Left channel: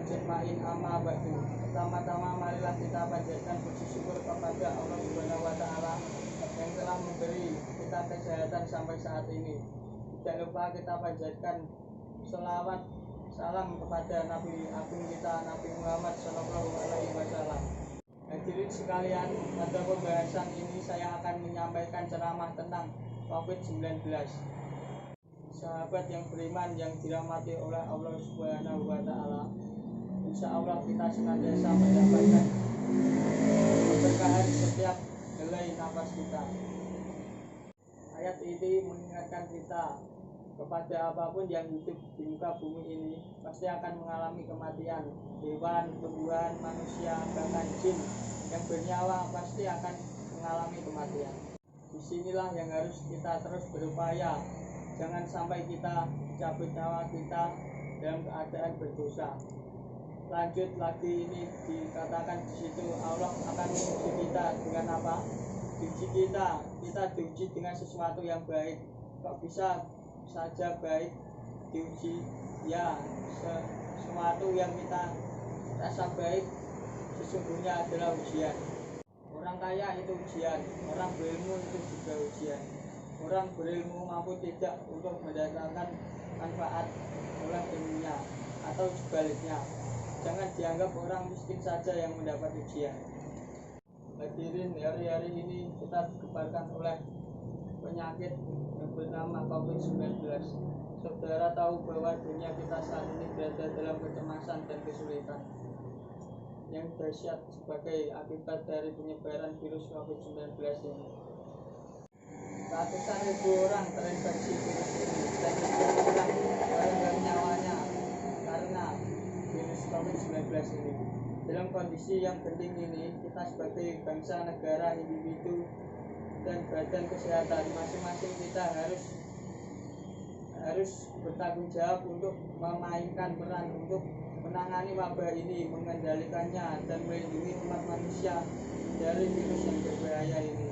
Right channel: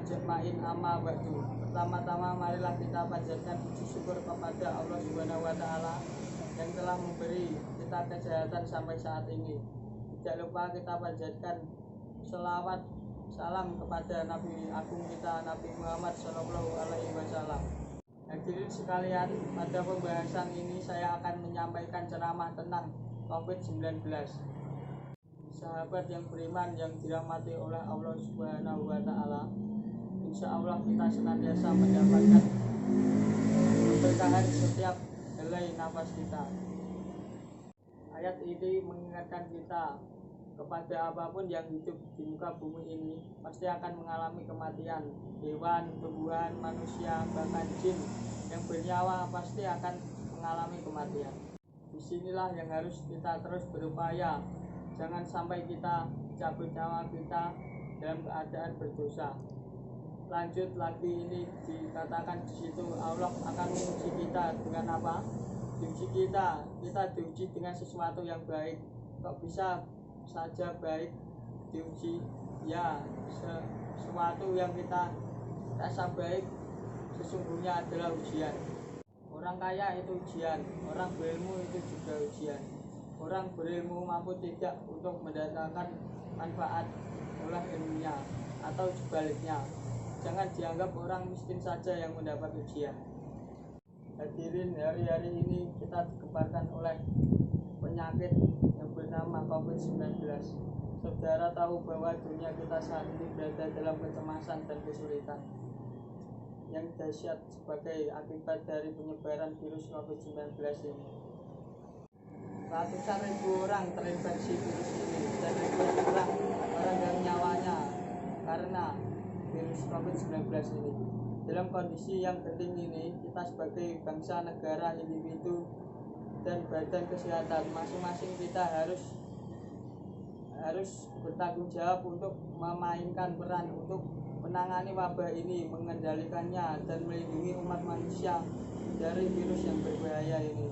ajma'in amma ba'du. Pertama-tama marilah kita panjatkan puji syukur kepada Allah Subhanahu wa taala yang telah memberi kita kesehatan sampai saat ini. Tidak lupa kita panjatkan selawat salam kepada Nabi Agung kita, Nabi Muhammad Shallallahu Alaihi Wasallam. Hadirin sekalian, pada pembahasan ini saya akan menyampaikan ceramah tentang COVID-19. Sahabat yang beriman yang dirahmati oleh Allah Subhanahu wa taala, insya Allah kita senantiasa mendapatkan keberkahan setiap helai nafas kita. Ayat ini mengingatkan kita kepada apapun yang hidup di muka bumi ini pasti akan mengalami kematian. Hewan, tumbuhan, manusia, bahkan jin yang bernyawa pasti akan mengalami kematian. Disinilah yang harus kita terus berupaya. Jangan sampai kita cabut nyawa kita dalam keadaan berdosa. Lanjut lagi, ini dikatakan di situ Allah akan menguji kita dengan apa? Diuji kita diuji dengan sesuatu yang baik. Kok bisa saja baik diuji? Ya, sesuatu yang kita rasa baik sesungguhnya adalah ujian. Orang kaya itu ujian, orang berilmu itu juga ujian. Orang berilmu mampu tidak untuk mendatangkan manfaat oleh ilmunya, atau sebaliknya. Jangan dianggap orang miskin saja yang mendapat ujian. Hadirin, hari-hari ini kita digemparkan oleh penyakit yang bernama COVID-19. Saudara tahu bahwa dunia kita saat ini berada dalam kecemasan dan kesulitan. Yang dahsyat sebagai akibat dari penyebaran virus COVID-19 ini. Ratusan ribu orang terinfeksi virus ini dan ribuan orang meninggal nyawanya karena virus COVID-19 ini. Dalam kondisi yang genting ini, kita sebagai bangsa, negara, individu, dan badan kesehatan masing-masing kita harus bertanggung jawab untuk memainkan peran untuk menangani wabah ini, mengendalikannya, dan melindungi umat manusia dari virus yang berbahaya ini.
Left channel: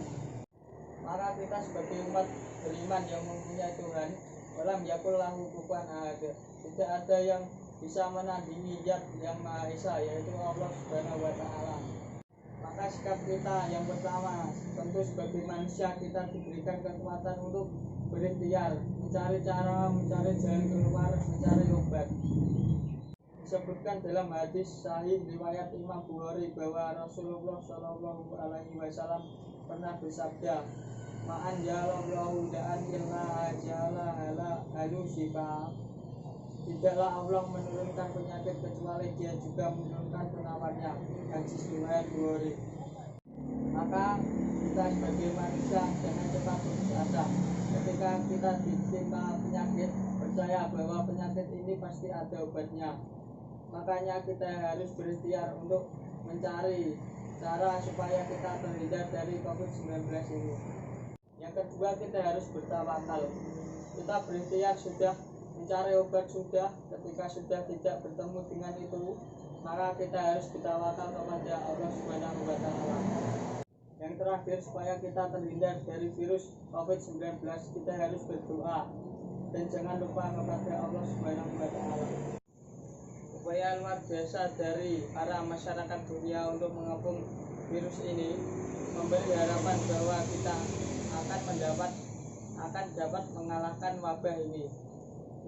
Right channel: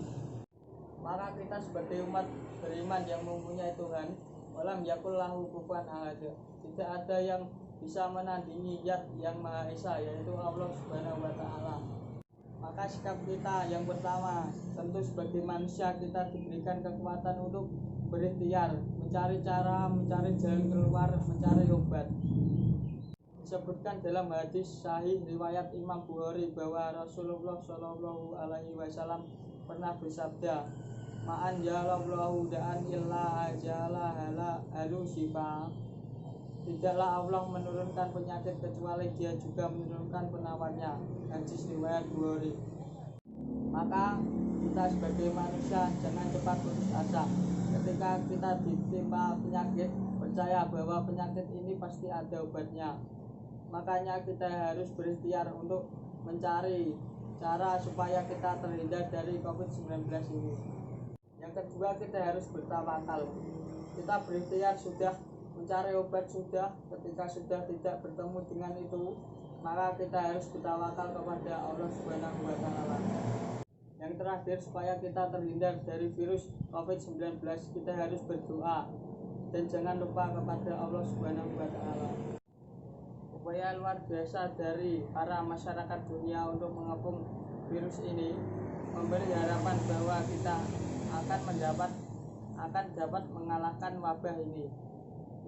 Maka kita sebagai umat beriman yang mempunyai Tuhan, walam yakul lahu kufuwan ahad, tidak ada yang bisa menandingi Zat yang Maha Esa, yaitu Allah Subhanahu wa taala. Maka sikap kita yang pertama, tentu sebagai manusia kita diberikan kekuatan untuk berikhtiar, mencari cara, mencari jalan keluar, mencari obat. Disebutkan dalam hadis sahih riwayat Imam Bukhari bahwa Rasulullah Shallallahu Alaihi Wasallam pernah bersabda, "Ma'an jalallahu da'an illa ajala halu shifa." Tidaklah Allah menurunkan penyakit kecuali Dia juga menurunkan penawarnya. Hadis riwayat Bukhari. Maka kita sebagai manusia jangan cepat putus asa. Ketika kita ditimpa penyakit, percaya bahwa penyakit ini pasti ada obatnya. Makanya kita harus berikhtiar untuk mencari cara supaya kita terhindar dari COVID-19 ini. Yang kedua, kita harus bertawakal. Kita berikhtiar sudah, mencari obat sudah, ketika sudah tidak bertemu dengan itu, maka kita harus bertawakal kepada Allah Subhanahu wa taala. Yang terakhir, supaya kita terhindar dari virus COVID-19, kita harus berdoa dan jangan lupa kepada Allah Subhanahu wa taala. Upaya luar biasa dari para masyarakat dunia untuk mengepung virus ini memberi harapan bahwa kita akan dapat mengalahkan wabah ini.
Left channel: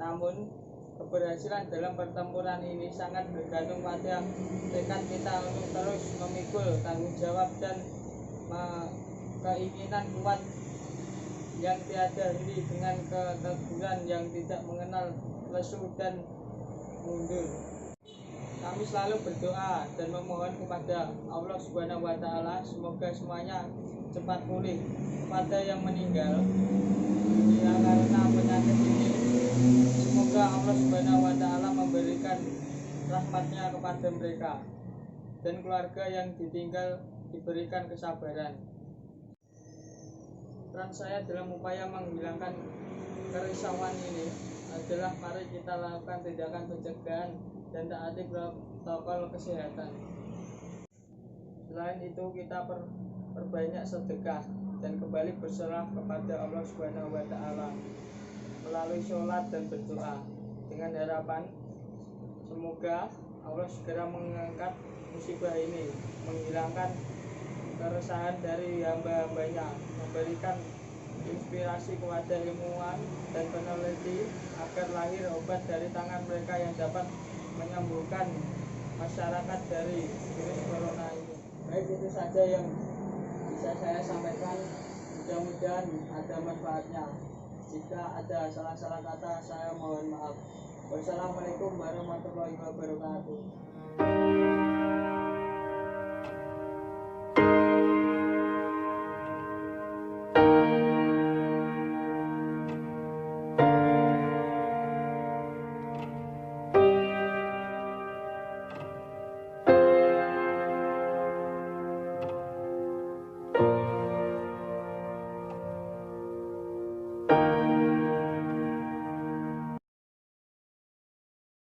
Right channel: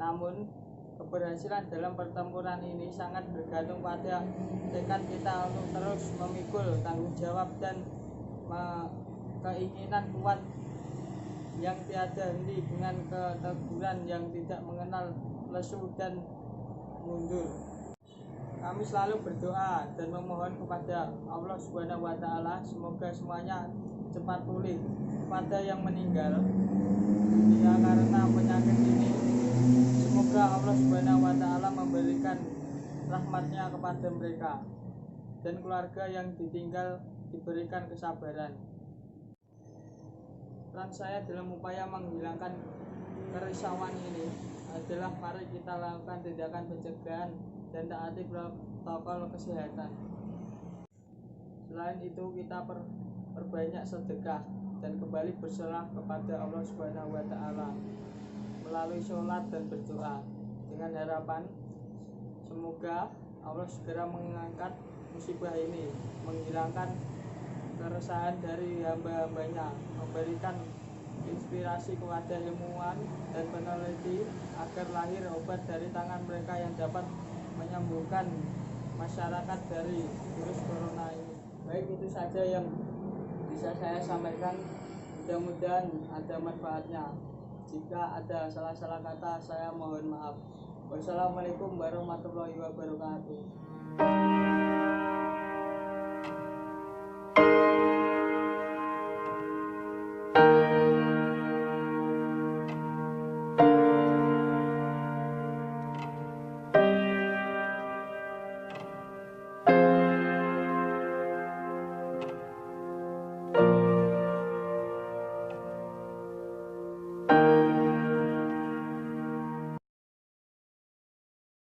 Namun keberhasilan dalam pertempuran ini sangat bergantung pada tekad kita untuk terus memikul tanggung jawab dan keinginan kuat yang tiada henti dengan keteguhan yang tidak mengenal lesu dan mundur. Kami selalu berdoa dan memohon kepada Allah Subhanahu wa taala semoga semuanya cepat pulih. Kepada yang meninggal dunia karena penyakit ini, semoga Allah Subhanahu wa taala memberikan rahmatnya kepada mereka dan keluarga yang ditinggal diberikan kesabaran. Peran saya dalam upaya menghilangkan kerisauan ini adalah mari kita lakukan tindakan pencegahan dan taati protokol kesehatan. Selain itu, kita perbanyak sedekah dan kembali berserah kepada Allah Subhanahu wa taala melalui sholat dan berdoa dengan harapan semoga Allah segera mengangkat musibah ini, menghilangkan keresahan dari hamba-hambanya, memberikan inspirasi kepada ilmuwan dan peneliti agar lahir obat dari tangan mereka yang dapat menyembuhkan masyarakat dari virus corona ini. Baik, itu saja yang bisa saya sampaikan. Mudah-mudahan ada manfaatnya. Jika ada salah-salah kata, saya mohon maaf. Wassalamualaikum warahmatullahi wabarakatuh.